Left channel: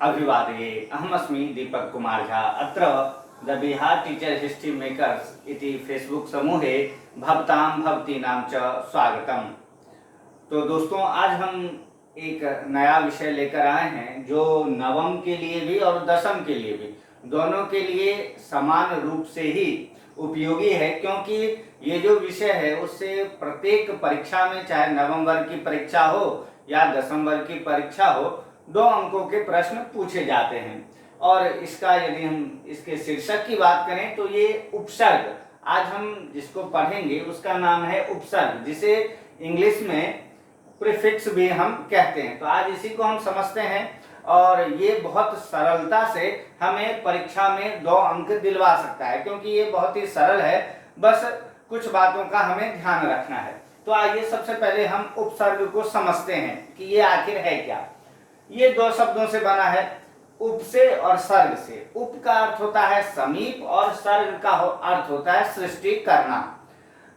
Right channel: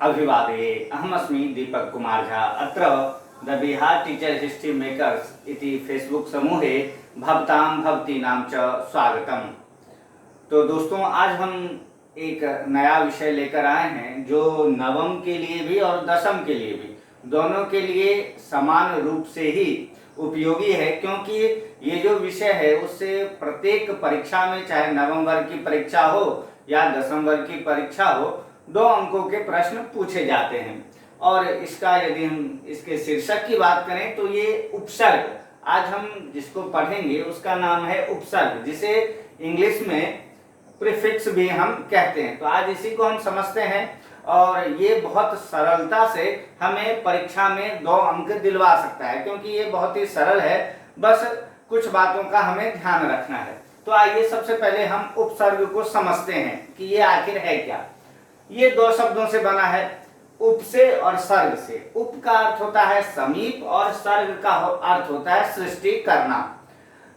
अभिवादये अहमस्मि दीपक कुमार झा। अत्र the Bihar teacher history makers इति फेसबुक समूहे भवतां भवतीनां च स्वागतम। तो दोस्तों, आज हम एक नया विषय लेकर आए हैं जो नवम के लिए भी और दसम के लिए भी, दोनों के लिए समान रूप से ही उपयोगी है, क्योंकि ये जो विषय है उससे प्रत्येक परीक्षा में, चाहे नवम वर्ग की परीक्षा हो या दसम वर्ग की परीक्षा हो, 2 अंकों के प्रश्न पूछे जाते हैं। और इसका यदि हम इसके शीर्षक की बात करें तो ये उपसर्ग, आज हम जिसको पढ़ेंगे उसका नाम है उपसर्ग, जिसे इंग्लिश में प्रीफिक्स भी हम कहते हैं। तो आज इसी को हम समझते हैं और ये बहुत सरलता से हमें परीक्षा में 2 अंक दिलवा सकता है, क्योंकि ये बहुत ही सरल है। बस कुछ बातों का हमें ध्यान रखना है। तो आइए सबसे पहले हम उपसर्ग को समझते हैं कि ये आखिर है क्या। ये 2 शब्दों से बना है, उप से और सर्ग से। उप का अर्थ होता है समीप और सर्ग का अर्थ होता है सृष्टि करना।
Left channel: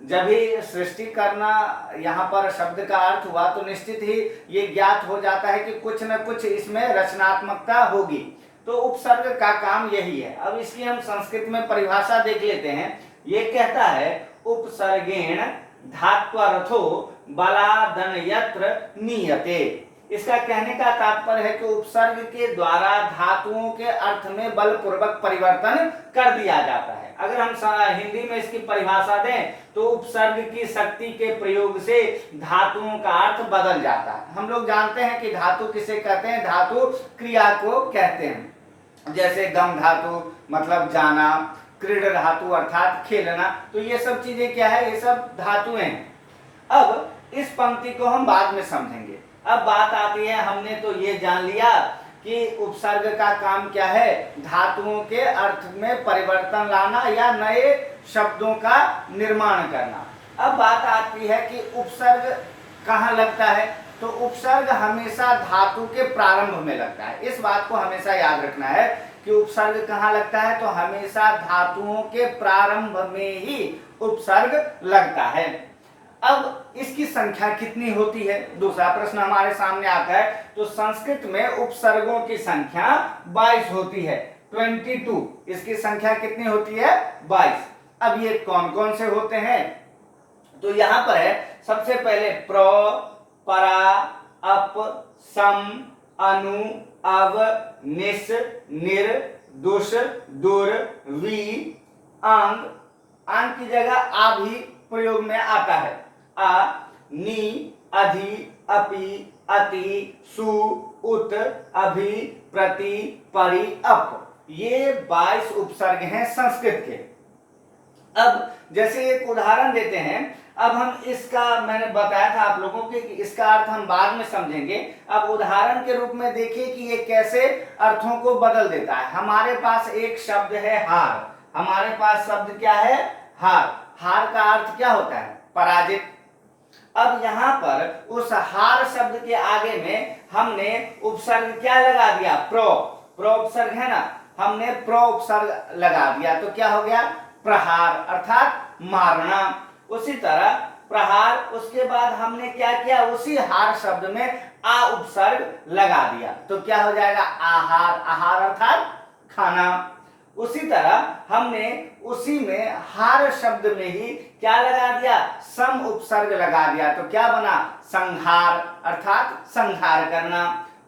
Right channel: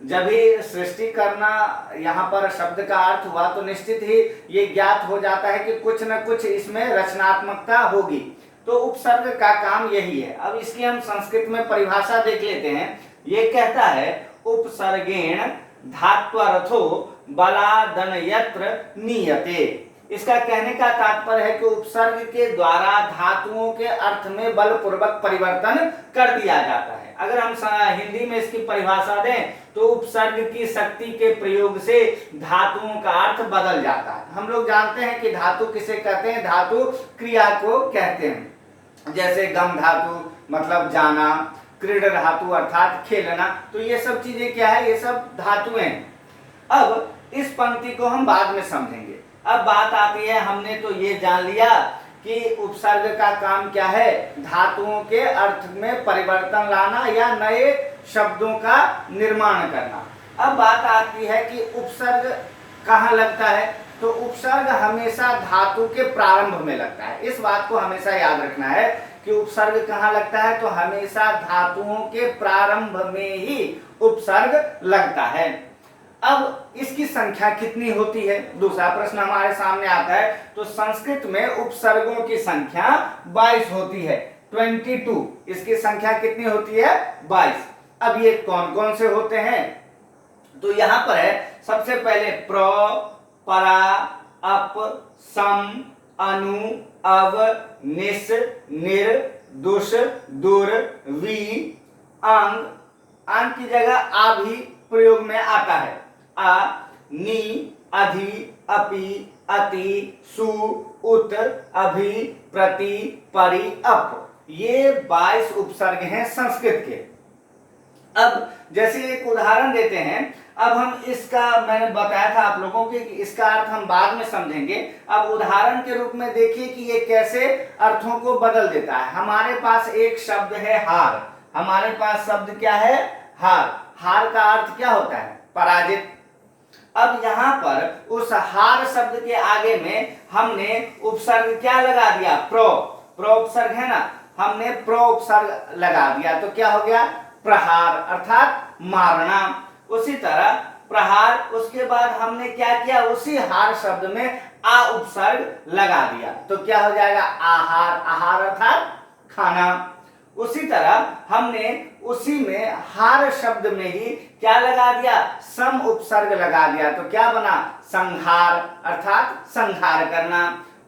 जब ही सृष्टि करना यहाँ पर शब्द का अर्थ हुआ तो निश्चित ही ये ज्ञात हो जाता है कि कुछ न कुछ इसमें रचनात्मकता होगी। तो उपसर्ग का काम यही है। अब इसकी हम संस्कृत में परिभाषा देख लेते हैं। ये कहता है उपसर्गेण धात्वर्थो बलादन यत्र नीयते। इसका कहने का तात्पर्य है कि उपसर्ग के द्वारा धातुओं के अर्थ में बलपूर्वक परिवर्तन कर दिया जाता है। अगर हम हिंदी में इसकी परिभाषा दें तो उपसर्ग की शक्ति के प्रयोग से धातुओं का अर्थ बदल जाता है। हम लोग जानते हैं कि धातु किसे कहते हैं, धातु क्रिया को कहते हैं। जैसे गम धातु मतलब जाना, क्रीड धातु अर्थात खेलना। तो ये सब चीजें क्या है, ये सब धातुएं हैं। अब इस पंक्ति को हम बाद में समझेंगे। अब बात आती है, हमने तो ये जान लिया कि उपसर्ग का काम क्या है, धातुओं के अर्थ में परिवर्तन लाना या नए शब्दों का निर्माण करना। अब बात आती है कि उपसर्ग कहाँ लगता है। तो उपसर्ग हमेशा धातु के प्रारंभ में लगता है। इस बात को हमेशा याद रखना है कि उपसर्ग कहाँ लगता है, तो हमेशा धातुओं के प्रारंभ में ही उपसर्ग लगता है। अब इसकी संख्या कितनी होती है, दूसरा प्रश्न हमारे सामने आता है। तो संस्कृत में उपसर्गों की संख्या 22 होती है, 22। इसकी संख्या कितनी होती है, 22। अब ये कौन कौन से होते हैं, तो यहां पर है सबसे पहले प्र, परा, अप, सम, अनु, अव, निस, निर, दुष, दुर, वी, आंग। आंग की जगह आ भी प्रयोग में आता है। अ, नी, अधि, अपि, अति, सु, उत, अभि, प्रति, परि, अप। ये 22 उपसर्ग हैं संस्कृत के। अब जैसे एक उदाहरण देते हैं। अब हम इसका, मैंने बताया था आप लोगों को कि इसका अर्थ हम बाद में समझेंगे। अब उदाहरण के रूप में देखिए कि ये कैसे अर्थों को बदल देता है। हमारे पास एक शब्द है हार। हमारे पास शब्द क्या है, हार। हार का अर्थ क्या होता है, पराजित। अब यहाँ पर उस हार शब्द के आगे में हमने उपसर्ग क्या लगा दिया, प्रो। प्रो उपसर्ग है ना, हमने प्रो उपसर्ग लगा दिया तो क्या हो गया, प्रहार अर्थात मारना। उसी तरह प्रहार, उसके बाद हमने क्या किया, उसी हार शब्द में आ उपसर्ग लगा दिया तो क्या हो जाएगा, आहार। आहार अर्थात खाना। उसी तरह हमने उसी में हार शब्द में ही क्या लगा दिया, सम उपसर्ग लगा दिया तो क्या बना, संहार अर्थात संहार करना।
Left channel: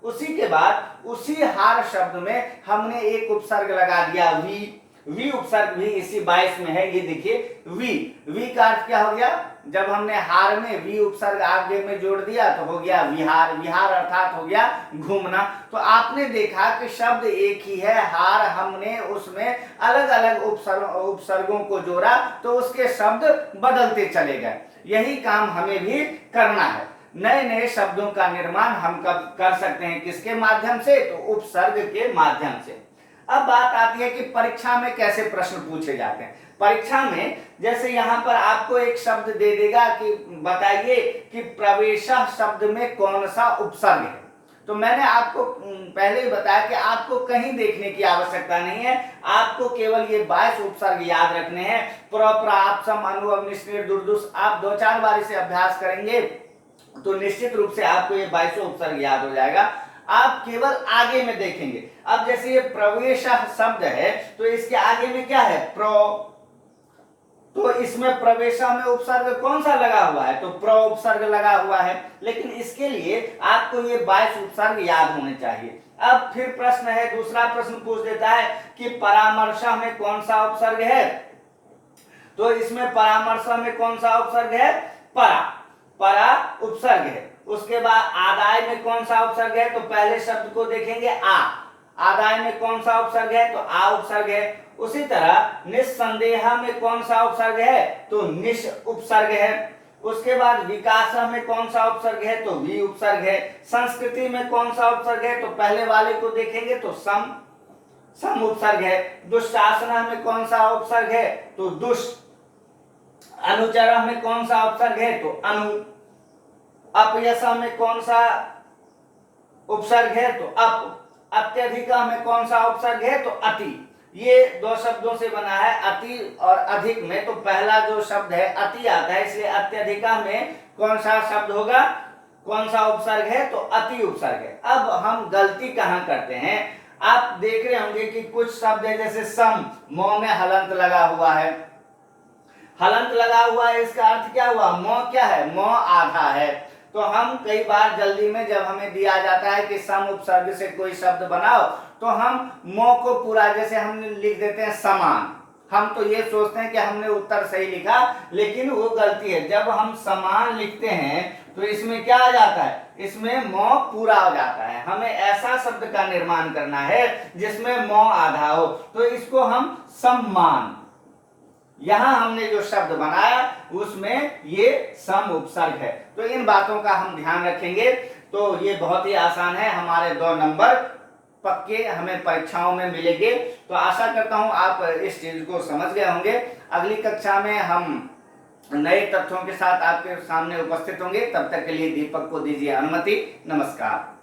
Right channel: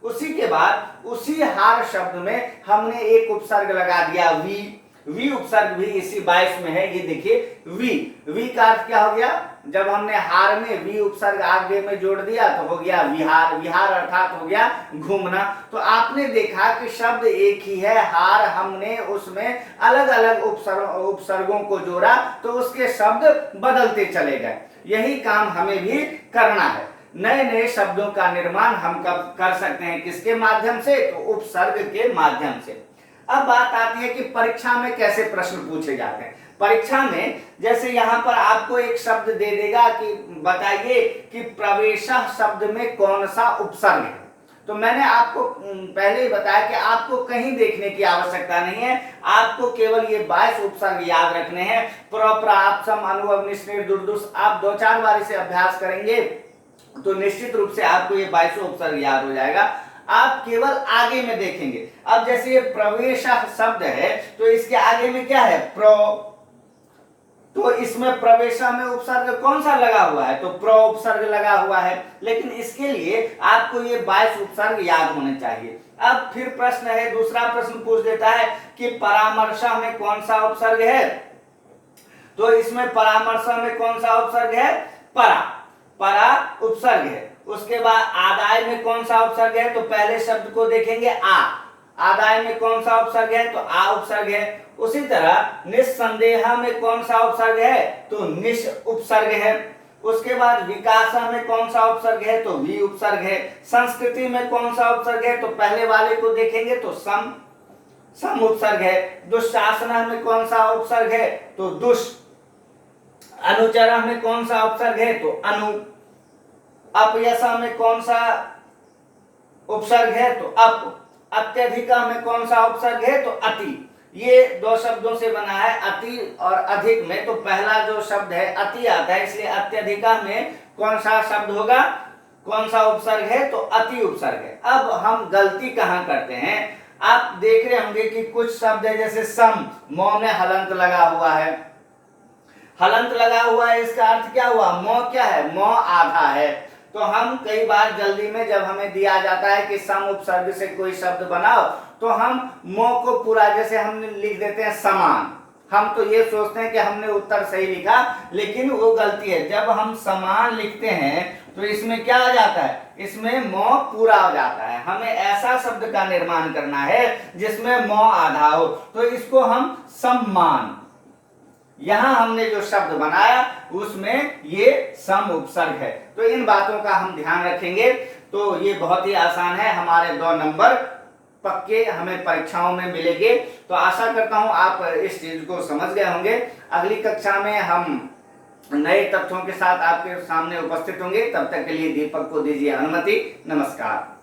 उसी के बाद उसी हार शब्द में हमने एक उपसर्ग लगा दिया वी। वी उपसर्ग भी इसी 22 में है। ये देखिए वी। वी का अर्थ क्या हो गया, जब हमने हार में वी उपसर्ग आगे में जोड़ दिया तो हो गया विहार। विहार अर्थात हो गया घूमना। तो आपने देखा कि शब्द एक ही है, हार, हमने उसमें अलग अलग उपसर्गों को जोड़ा तो उसके शब्द बदलते चले गए। यही काम हमें भी करना है। नए नए शब्दों का निर्माण हम कब कर सकते हैं, किसके माध्यम से, तो उपसर्ग के माध्यम से। अब बात आती है कि परीक्षा में कैसे प्रश्न पूछे जाते हैं। परीक्षा में जैसे यहाँ पर आपको एक शब्द दे देगा कि बताइए कि प्रवेशः शब्द में कौन सा उपसर्ग है। तो मैंने आपको पहले ही बताया कि आपको कहीं देखने की आवश्यकता नहीं है, आपको केवल ये 22 उपसर्ग याद रखने हैं। प्र, प्राप, सम, अनु, अव, निस, निर, दुर, दुस। आप 2-4 बार इसे अभ्यास करेंगे तो निश्चित रूप से आपको ये 22 उपसर्ग याद हो जाएगा। आप केवल आगे में देखेंगे। अब जैसे ये प्रवेश शब्द है तो इसके आगे में क्या है, प्र, तो इसमें प्रवेशा में उपसर्ग कौन सा लगा हुआ है, तो प्र उपसर्ग लगा हुआ है। लेकिन इसके लिए आपको ये 22 उपसर्ग याद होने चाहिए। अब फिर प्रश्न है, दूसरा प्रश्न पूछ देता है कि परामर्शा में कौन सा उपसर्ग है, तो इसमें परामर्शा में कौन सा उपसर्ग है, परा, परा उपसर्ग है। उसके बाद आदाय में कौन सा उपसर्ग है, तो पहले शब्द को देखेंगे आ, आदाय में कौन सा उपसर्ग है, तो आ उपसर्ग है। उसी तरह निस्संदेह में कौन सा उपसर्ग है, तो निश उपसर्ग है। उसके बाद विकास में कौन सा उपसर्ग है, तो वी उपसर्ग है। संस्कृति में कौन सा उपसर्ग है, तो पहले वाले को देखेंगे तो सम, सम उपसर्ग है। दुशासन में कौन सा उपसर्ग है, तो दुष। अनुचर में कौन सा उपसर्ग है, तो अनु। अपयसा में कौन सा उपसर्ग है, तो अप। अत्यधिका में कौन सा उपसर्ग है, तो अति। ये दो शब्दों से बना है, अति और अधिक में, तो पहला जो शब्द है अति आता है, इसलिए अत्यधिका में कौन सा शब्द होगा, कौन सा उपसर्ग है, तो अति उपसर्ग है। अब हम गलती कहां करते हैं, आप देख रहे होंगे कि कुछ शब्द है जैसे सम, मौ में हलंत लगा हुआ है, हलंत लगा हुआ है, इसका अर्थ क्या हुआ, मौ क्या है, मौ आधा है। तो हम कई बार जल्दी में जब हमें दिया जाता है कि सम उपसर्ग से कोई शब्द बनाओ, तो हम मौ को पूरा जैसे हम लिख देते हैं समान। हम तो ये सोचते हैं कि हमने उत्तर सही लिखा, लेकिन वो गलती है। जब हम समान लिखते हैं तो इसमें क्या आ जाता है, इसमें मौ पूरा हो जाता है। हमें ऐसा शब्द का निर्माण करना है जिसमें मौ आधा हो, तो इसको हम सम्मान, यहां हमने जो शब्द बनाया उसमें ये सम उपसर्ग है। तो इन बातों का हम ध्यान रखेंगे। तो ये बहुत ही आसान है, हमारे 2 नंबर पक्के हमें परीक्षाओं में मिलेंगे। तो आशा करता हूं आप इस चीज को समझ गए होंगे। अगली कक्षा में हम नए तथ्यों के साथ आपके सामने उपस्थित होंगे। तब तक के लिए दीपक को दीजिए अनुमति। नमस्कार।